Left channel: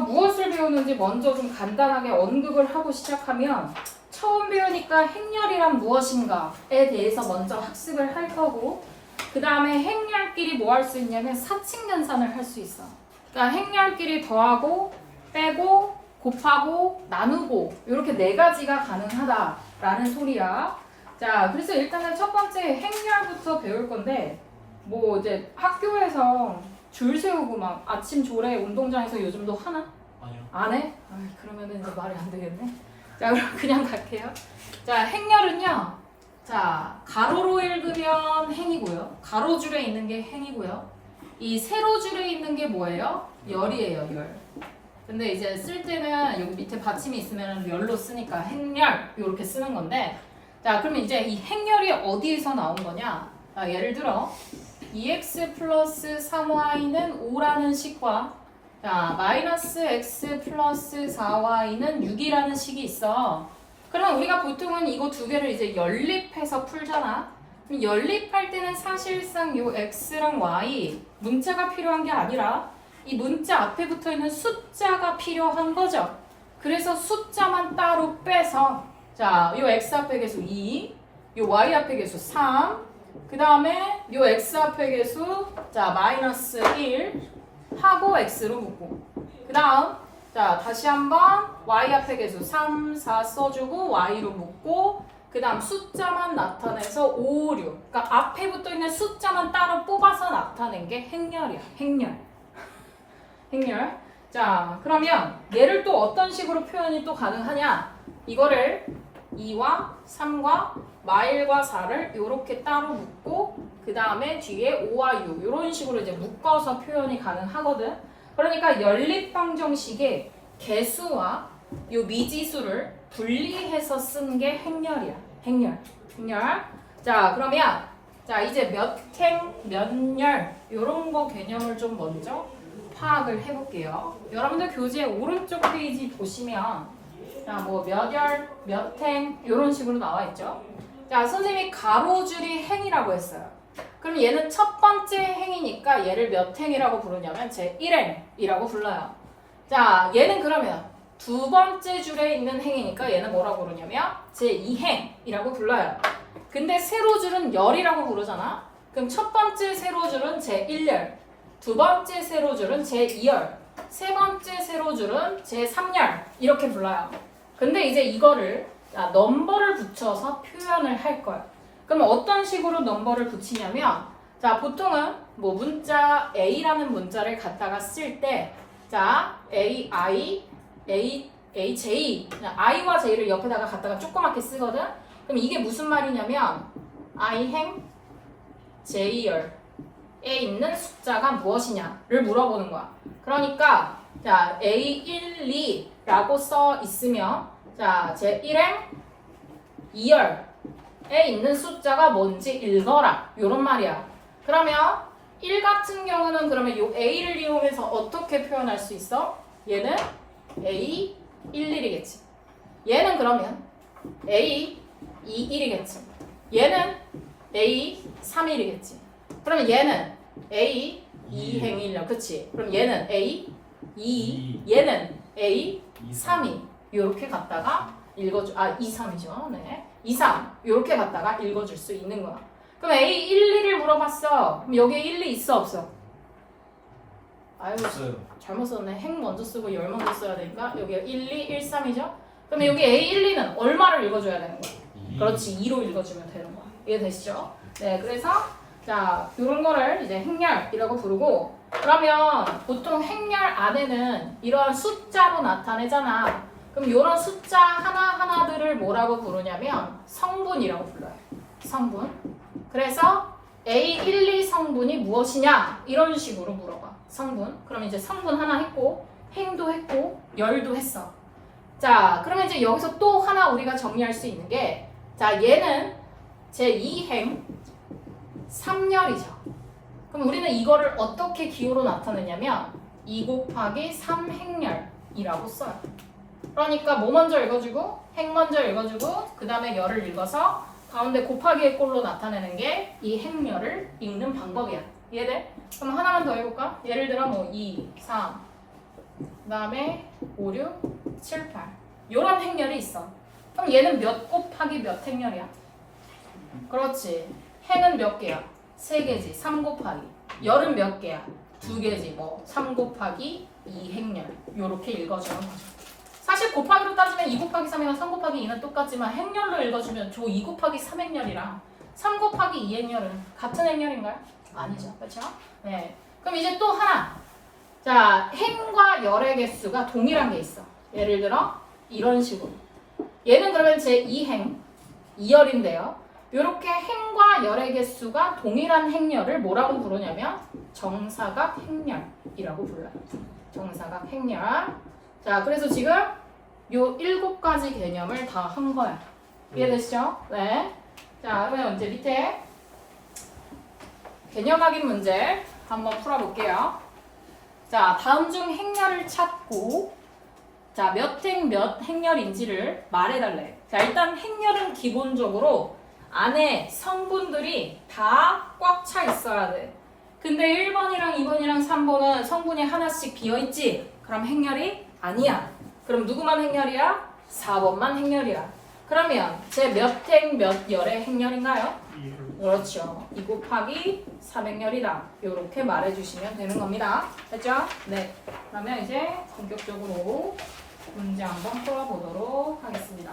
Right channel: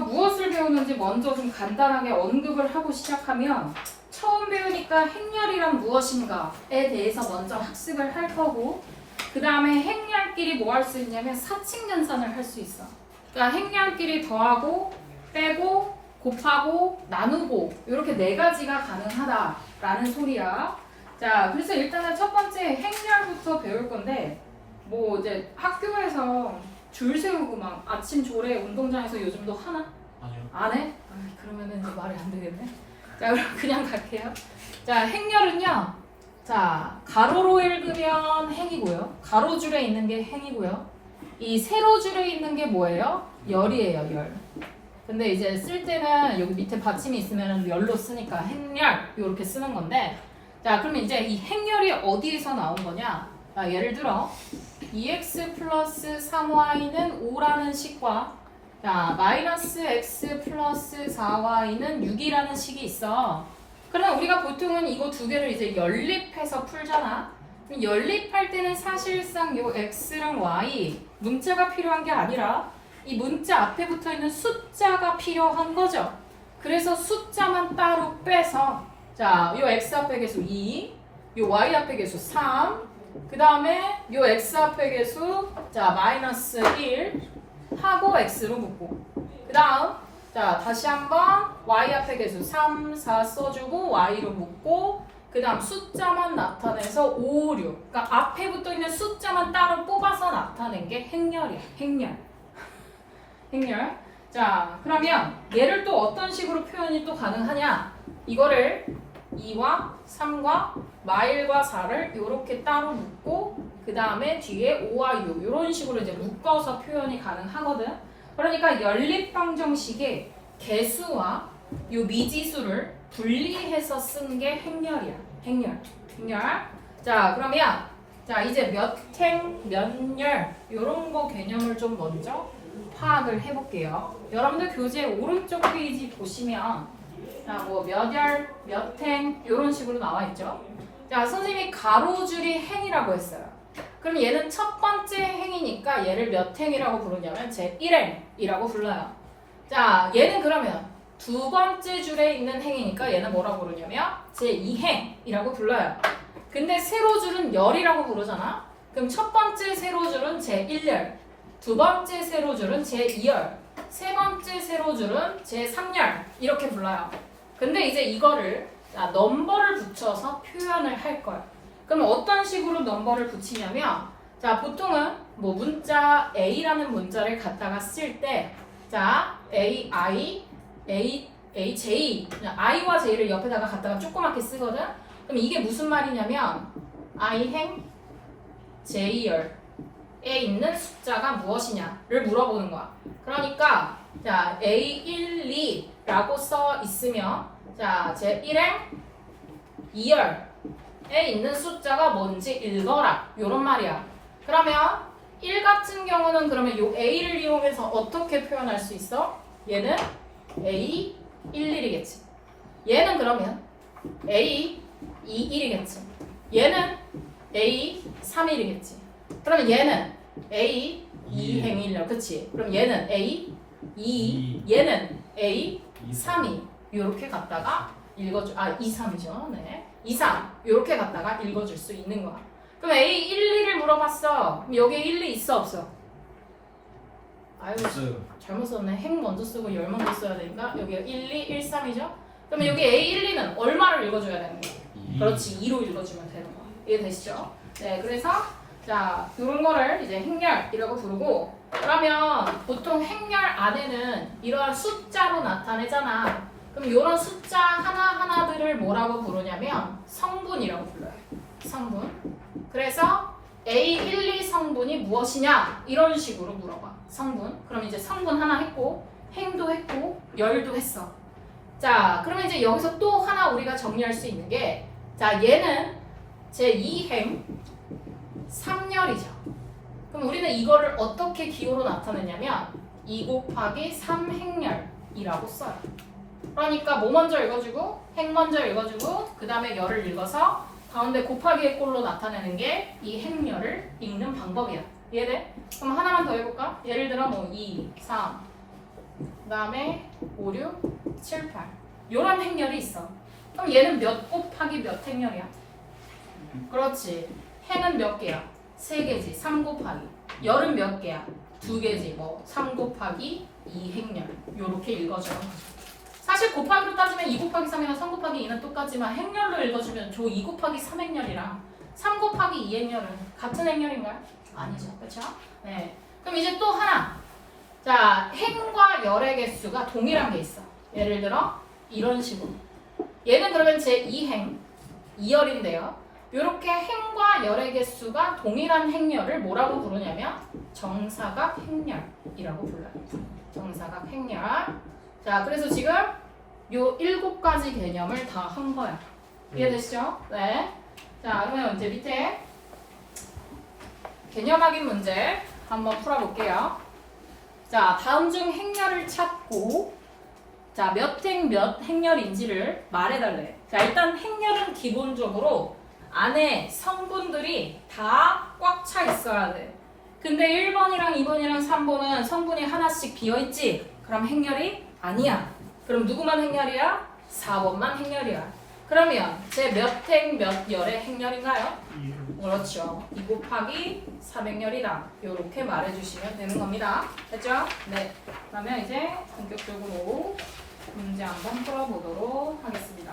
그래서 무엇을 배우는지 먼저 좀 간단하게 언급을 하고 시작하면 처음 배우니까 행렬이란 무엇인가에 대해서 먼저 학습을 할 거고 그 다음에 행렬끼리 뭐 할 수 있냐면 사칙연산을 할 수 있어. 그러니까 행렬끼리 더하고 빼고 곱하고 나누고 이렇게 네 가지가 가능하다라는 소리야. 자, 그래서 일단은 첫 번째 행렬부터 배울 건데 뭐 이제 학교에서 줄 세우고 막 아침 조례 운동장에서 요즘도 하나? 아니요. 안 해? 그러면은 이제 말이 안 되겠네. 자, 그럼 그냥 갈게요. 자, 행렬은요. 자, 가로로 읽으면 행이고요. 가로줄에 있는 게 행이고요. 이 세로줄에 있는 게 뭐예요? 열이에요, 열. 근데 이제 쓸 때는 여기 밑에 받침이 있으면 열로 쓰니까 행렬 이렇게 쓰는 건데 자, 그러면 이제 이 행렬이 어디에서 나온 거냐? 자, 예를 들어 2x 플러스 3y는 5라는 식과 자, 마이너스 x 플러스 4y는 6이라는 식이 있어. 그러면 우리가 보통은 이거 두 개를 이제 연립해서 풀잖아. 그럼 연립할 때는 사실상 요 x랑 y 문자가 필요한 게 아니라 이 문자 앞에 붙어 있는 숫자가 필요한 거죠. 그래서 숫자만 따로 빼서 자, 요 x 앞에 계수 2, 요 y 앞에 계수 3, 그 다음에 요 x 앞에 계수 자 마이너스 1 하고 x로 묶고 그 다음 자 다시 한번 y 앞에 계수 3, 4 써주고 y로 묶고 그 다음 숫자만 나타내서 5, 6 그러니까 앞에 붙어 있는 숫자만 따로 뽑아서 나타낸 게 행렬이야. 행렬. 행렬. 자 그러면 얘를 또 어떤 식으로 표현이 또 가능하냐 이거를 2와 3과 마일과 4를 이렇게 따로 묶고 그 다음에 뒤에 5와 6 이런 식으로 이제 묶어서 표현이 가능하거든. 그러니까 연립방정식의 개수와 요 미지수를 분리해서 쓴 게 행렬이야. 행렬. 행렬. 자 그러면 자 이제 몇 행, 몇 열 이런 거 개념을 좀 먼저 파악을 해볼게요. 여러분들 교재 오른쪽 페이지 보시면 자, 뭐 몇 열, 몇 행 이런 식으로 나와 있죠. 자, 선생님이 가로줄이 행이라고 했어요. 그럼 얘는 첫 번째 행이니까 얘를 몇 행이라고 부르냐면 제 1행이라고 불러요. 자, 얘는 그러면 두 번째 줄에 있는 행이니까 얘는 뭐라고 부르냐면 제 2행이라고 불러요. 근데 세로줄은 열이라고 부르잖아. 그럼 첫 번째 세로줄은 제 1열, 두 번째 세로줄은 제 2열, 세 번째 세로줄은 제 3열 이렇게 불러요. 근데 이제 이거를 넘버를 붙여서 표현을 할 거예요. 그럼 어떤 식으로 넘버를 붙이냐면 자 보통은 뭐 문자 A라는 문자를 갖다가 쓸 때 자 A, I, A, J I와 J를 옆에다가 갖다가 조그맣게 쓰거든. 그럼 이게 무슨 말이냐면 I 행 J열에 있는 숫자가 무엇이냐를 물어보는 거야. 그러니까 자 A1, 2라고 써 있으면 자 제 1행 2열에 있는 숫자가 뭔지 읽어라 이런 말이야. 그러면 1 같은 경우는 그러면 요 A를 이용해서 어떻게 표현할 수 있어? 얘는 A 11이겠지. 얘는 그러면 A 21이겠지. 얘는 A 31이겠지. 그러면 얘는 A 2행일려 그치? 그럼 얘는 A 2, 얘는 A 32 이렇게 갖다가 읽어주 2, 3이죠. 네. 2, 3 이렇게 갖다가 읽어줄 수 있는 거야. 그럼 A 1, 2를 물어봤어. 그럼 여기에 1, 2 있어 없어? 아유 없어요. 잘못 썼네. 행 먼저 쓰고 열 먼저 써야 되니까 여기가 1, 2, 1, 3이죠. 그러면 여기 A 1, 2는 얼마를 읽어줘야 되는 거야? 그렇지 2로 읽어주면 되는 거야. 이해되시죠? 네, 그래서 자 이런 거를 이제 행렬이라고 부르고 그러면 보통 행렬 안에는 이러한 숫자로 나타내잖아. 그럼 이런 숫자 하나하나들을 뭐라고 부르냐면 성분이라고 불러요. 성분. 그래서 A12 성분이 무엇이냐 이런 식으로 물어봐. 성분. 그럼 이제 성분 하나 했고 행도 했고 열도 했어. 자 그러면 이제 여기서 또 하나 우리가 정리할 수 있는 게 자 얘는 제 2행 3열이죠. 그럼 우리는 이거를 어떻게 기호로 나타내냐면 2 곱하기 3행열이라고 써요. 그러니까 뭐 먼저 읽어주고 행 먼저 읽어주고 그 다음에 열을 읽어서 가운데 곱하기의 꼴로 나타내는 게 이 행열을 읽는 방법이야. 이해돼? 그럼 하나만 더 해볼까? 예를 들어 뭐 2, 3, 다음에 5, 6, 7, 8 요런 행렬이 있어. 그럼 얘는 몇 곱하기 몇 행렬이야? 그렇지. 행은 몇 개야? 3개지. 3 곱하기. 열은 몇 개야? 2개지. 뭐 3 곱하기 2 행렬. 요렇게 읽어줘. 사실 곱하기로 따지면 2 곱하기 3이랑 3 곱하기 2는 똑같지만 행렬로 읽어주면 조 2 곱하기 3 행렬이랑 3 곱하기 2 행렬은 같은 행렬인가요? 아니죠. 그렇죠? 네. 그럼 이제 또 하나. 자, 행과 열의 개수가 동일한 게 있어. 예를 들어 이런 식으로. 얘는 그러면 제 2행, 2열인데요. 이렇게 행과 열의 개수가 동일한 행렬을 뭐라고 부르냐면 정사각 행렬이라고 불러요. 정사각 행렬. 자, 그래서 지금 요 7가지 개념을 다 한 거야. 이해되시죠? 네. 자, 그러면 이제 밑에 개념 확인 문제 한번 풀어볼게요. 자, 다음 중 행렬을 찾고 자, 몇 행 몇 행렬인지를 말해달래. 자, 일단 행렬은 기본적으로 안에 성분들이 다 꽉 차 있어야 돼. 근데 1번이랑 2번이랑 3번은 성분이 하나씩 비어있지? 그럼 행렬이 아니야. 그럼 누구만 행렬이야? 4번만 행렬이야. 그러면 제 몇 행 몇 열의 행렬인가요? 그렇죠. 2 곱하기 3행렬이다. 이렇게 말해주시면 되는 겁니다. 됐죠? 네. 그러면 이제 본격적으로 문제 한번 풀어보도록 하겠습니다.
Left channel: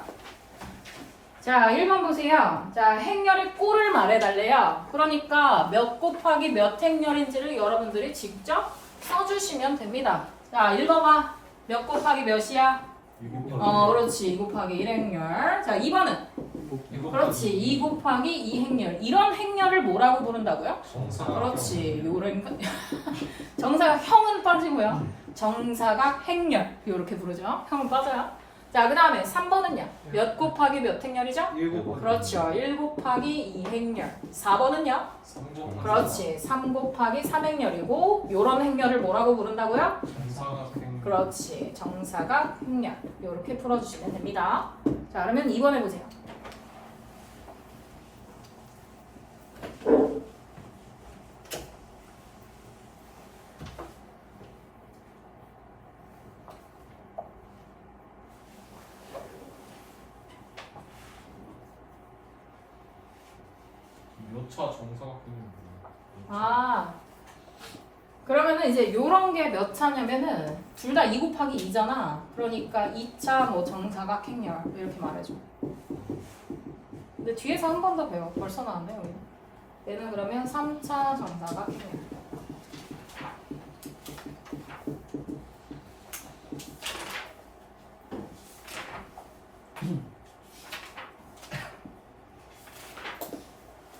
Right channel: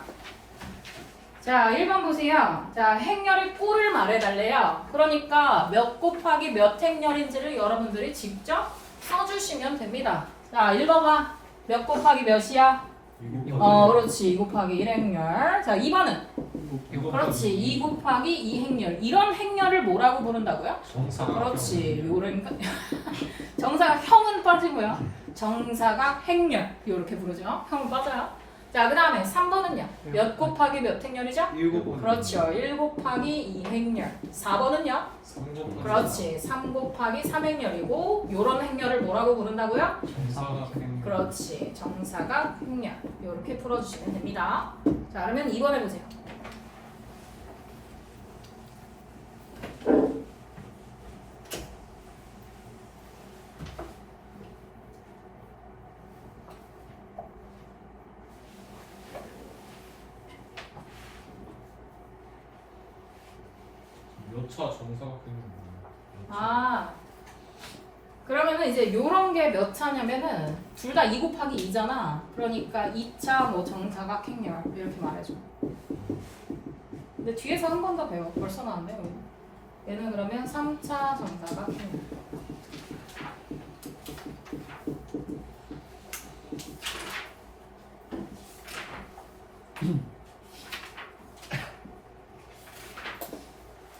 자, 1번 보세요. 자, 행렬의 꼴을 말해달래요. 그러니까 몇 곱하기 몇 행렬인지를 여러분들이 직접 써주시면 됩니다. 자, 1번 봐. 몇 곱하기 몇이야? 그렇지. 2 곱하기 1행렬. 자, 2번은? 그렇지. 2 곱하기 2행렬. 이런 행렬을 뭐라고 부른다고요? 정사각. 그러니까 정사각 형은 빠지고요. 정사각 행렬. 이렇게 부르죠. 형은 빠져요. 자, 그 다음에 3번은요. 몇 곱하기 몇 행렬이죠? 1 곱하기 그렇죠. 1 곱하기 2행렬. 4번은요? 3 곱하기 그렇지. 3 곱하기 3행렬이고 요런 행렬을 뭐라고 부른다고요? 정사각 행렬. 그렇지. 정사각 행렬. 이렇게 풀어주시면 됩니다. 자, 그러면 2번 해보세요. 몇 차 정사각 행렬. 아, 그러면은 이제 요런 게 몇 차냐면은 둘 다 2 곱하기 2잖아. 그러니까 2차 뭐 정사각 행렬 이렇게 말해줘. 근데 뒤에서 한 번 더 배워. 벌써 나왔네 우리. 얘는 그러면 3차 정사각 행렬.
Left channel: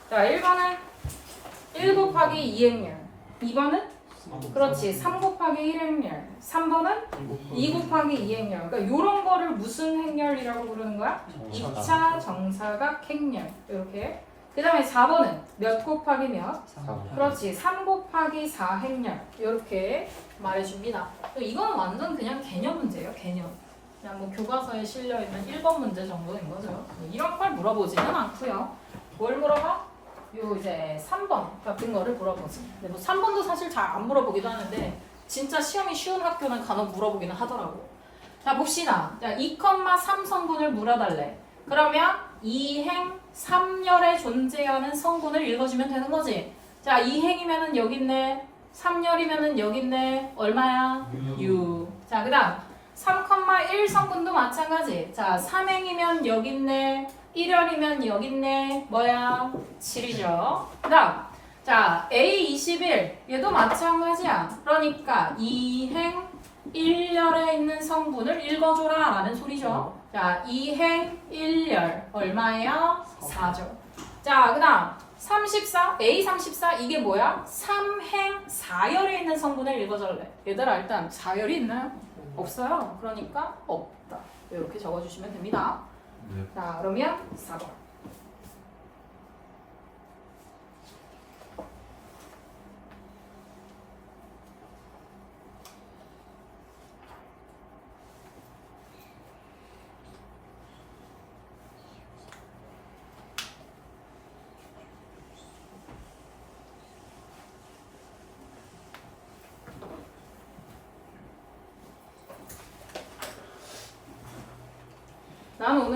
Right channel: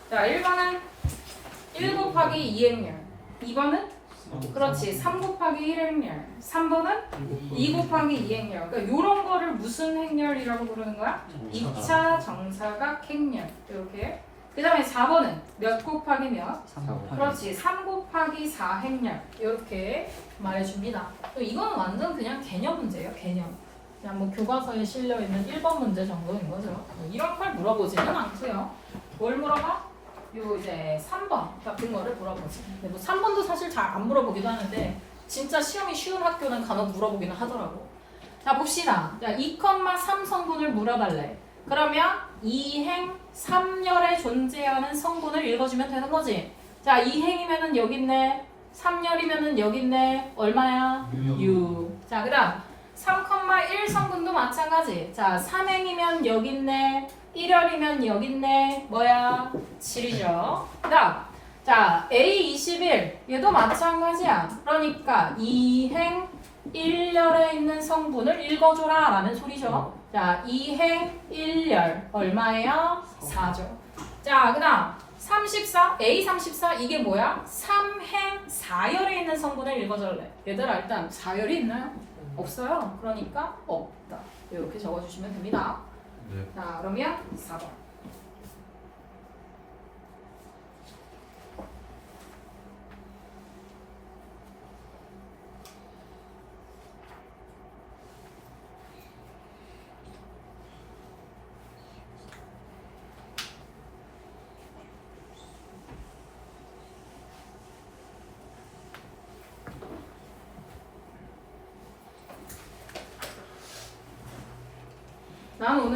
자, 1번은 1 곱하기 2행렬. 2번은? 그렇지. 3 곱하기 1행렬. 3번은 2 곱하기 2행렬. 그러니까 이런 거를 무슨 행렬이라고 부르는 거야? 2차 정사각 행렬. 이렇게. 그 다음에 4번은 몇 곱하기 몇? 그렇지. 3 곱하기 4행렬. 이렇게 말해줍니다. 이건 완전 그냥 개념 문제예요. 개념. 그냥 뭐 교과서에 실려있는 1번 문제 정도인 거죠. 이런 걸 물어보지는 않고요. 뭘 물어봐? 요 이제 3번 같은 거를 물어보지. 근데 뭐 3번도 사실 잘 안 물어보기도 하는데 진짜 시험이 쉬운 학교는 간혹 물어보기는 하더라고. 자, 봅시다. 자, 2,3 성분을 물어달래. 그러면 2행 3열에 존재하는 성분을 읽어주면 되는 거지. 자, 2행이면은 여기 있네. 3열이면은 여기 있네. 얼마야? 6. 자, 그 다음 3,1 성분도 마찬가지. 자, 3행이면 여기 있네. 1열이면 여기 있네. 뭐야? 7이죠. 그 다음 자, A21 얘도 마찬가지야. 그러니까 2행 1열에 있는 성분을 읽어줘라 라는 소리죠. 자, 2행 1열 얼마예요? 4죠. 자, 그 다음 34 A34 이게 뭐야? 3행 4열에 있는 성분을 읽어줄래. 얘들아 일단 4열이 있나요? 없어요. 그러니까 없다. 이렇게 적어주시면 됩니다. 네. 자, 그러면 4번.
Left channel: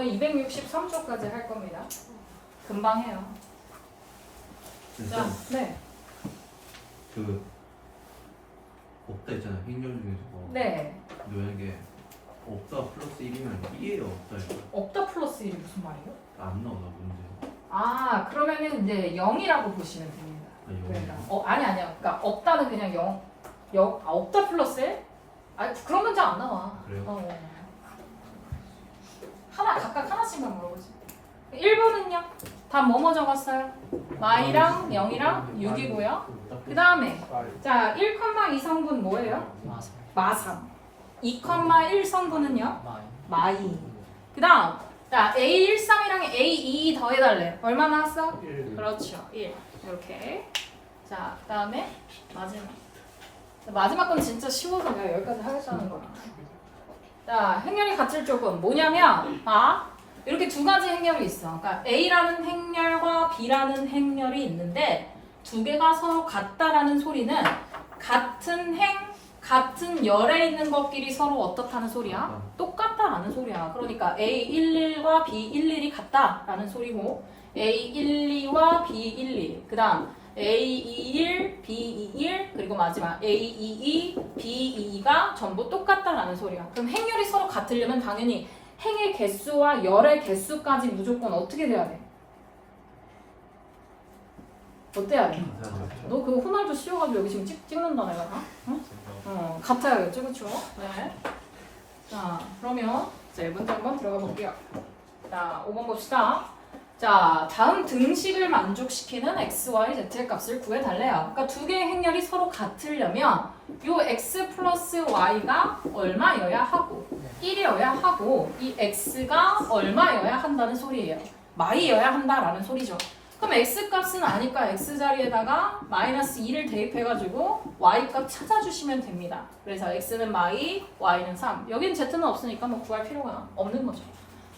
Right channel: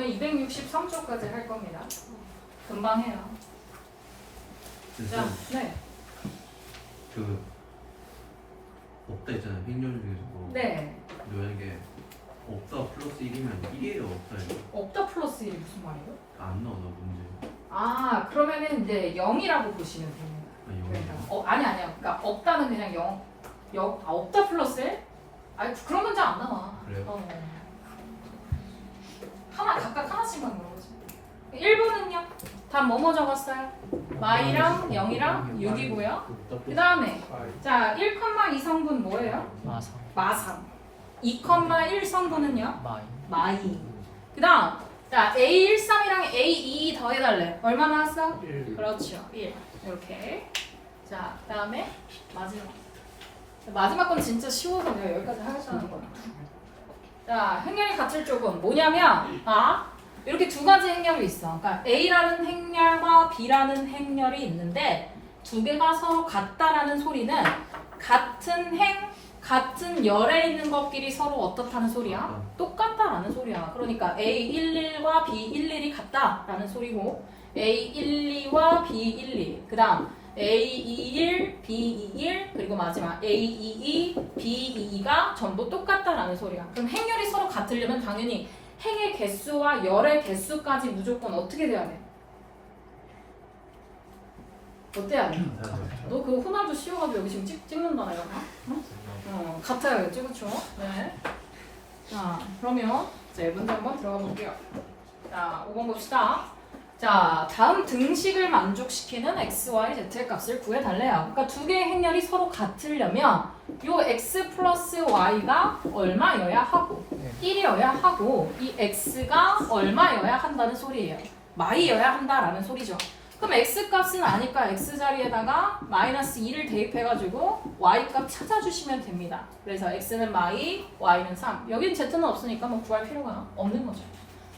오늘 263초까지 할 겁니다. 금방 해요. 자, 네. 그 없다 있잖아요. 행렬 중에서 네. 만약에 없다 플러스 1이면 1이에요 없다예요? 없다 플러스 1이 무슨 말이에요? 안 나오나 문제? 아, 그러면은 이제 0이라고 보시면 됩니다. 그러니까, 아니요. 그러니까 없다는 그냥 0. 없다 플러스 1? 아니, 그런 문제 안 나와. 그래요? 각각 하나씩만 물어보지. 1번은요? 다 뭐뭐 적었어요? 마이랑 0이랑 6이고요. 그 다음에 자 1,2 성분 뭐예요? 마삼. 2,1 성분은요? 마이. 그 다음 자 A13이랑 A22 더해달래. 얼마 나왔어? 1. 그렇죠. 1. 이렇게. 자, 그 다음에 마지막 건 진짜 쉬워서 내가 여기까지 하겠다는 거야. 자, 행렬이 같을 쪽은 뭐냐면 이렇게 두 가지 행렬이 있어. 그러니까 A라는 행렬과 B라는 행렬이 있는데 두 개가 서로 같다라는 소리는 같은 같은 열에 있는 것끼리 서로 어떻다는 소리야? 똑같다라는 소리야. 그러니까 A11과 B11이 같다라는 소리고 A12와 B12, 그 다음 A21, B21, 그리고 마지막 A22, B22가 전부 똑같다라는 소리야. 그럼 행렬이 서로 같으려면 당연히 행의 개수와 열의 개수까지 무조건 어떻게 돼야 돼? 어때야 돼? 너 그 호날두 씌워가지고 여기 지금 찍는다네요. 응? 같아요, 그렇죠? 네. 자, 그러면 이제 문제 한번 들어가 볼게요. 자, 5번 봅시다. 자, 다음 등식을 만족시키는 x, y, z의 값을 구해달래요. 그러니까 두 개의 행렬이 서로 같으려면 요 x 플러스 y가 얼마여야 하고 1이어야 하고 이 x가 얼마여야 한다는 소리예요. 마이여야 한다라는 소리죠. 그럼 x 값은 아니까 x 자리에다가 마이너스 2를 대입해가지고 y 값 찾아주시면 됩니다. 그래서 x는 마이, y는 3. 여긴 z는 없으니까 뭐 구할 필요가 없는 거죠.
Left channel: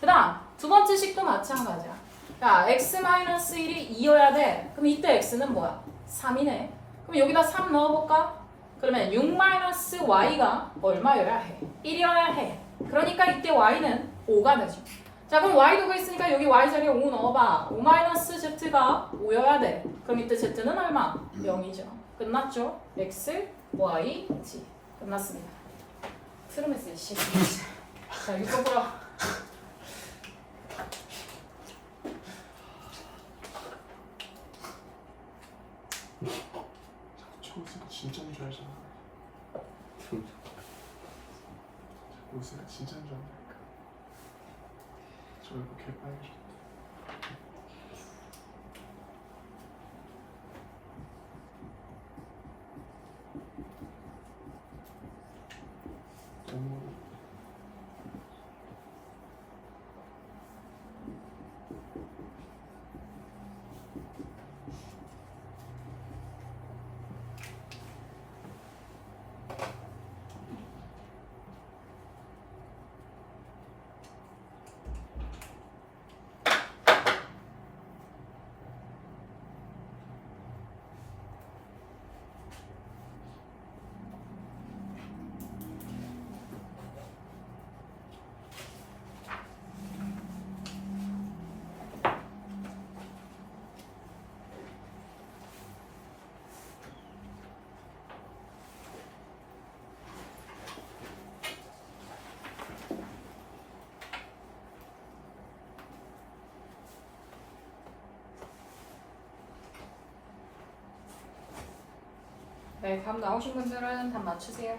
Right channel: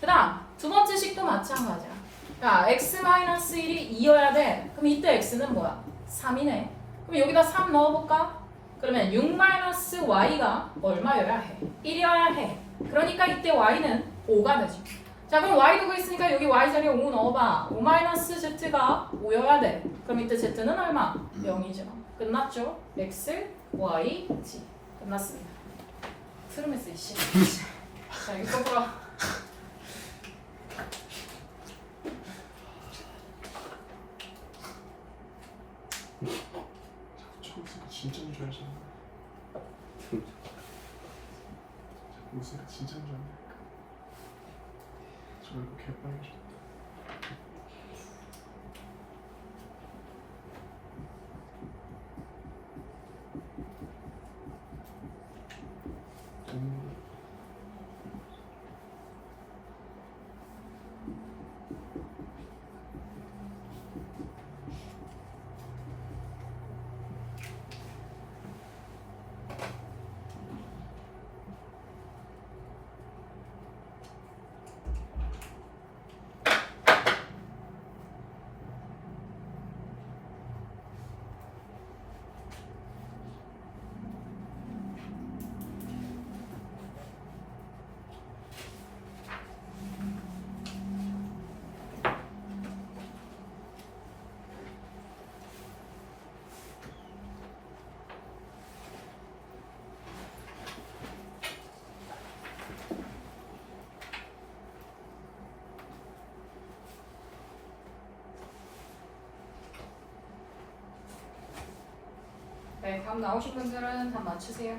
그 다음 두 번째 식도 마찬가지야. 자, x-1이 2여야 돼. 그럼 이때 x는 뭐야? 3이네. 그럼 여기다 3 넣어볼까? 그러면 6-y가 얼마여야 해? 1이어야 해. 그러니까 이때 y는 5가 되죠. 자, 그럼 y 두고 있으니까 여기 y 자리에 5 넣어봐. 5-z가 5여야 돼. 그럼 이때 z는 얼마? 0이죠. 끝났죠? x, y, z. 끝났습니다. 트름했어요, 씨. 자, 이쪽으로. 초록색 진짜 줄 알잖아. 초록색 진짜 줄 알아. 저 이거 개빨개. 네, 답 나오신 분들은 답 맞추세요.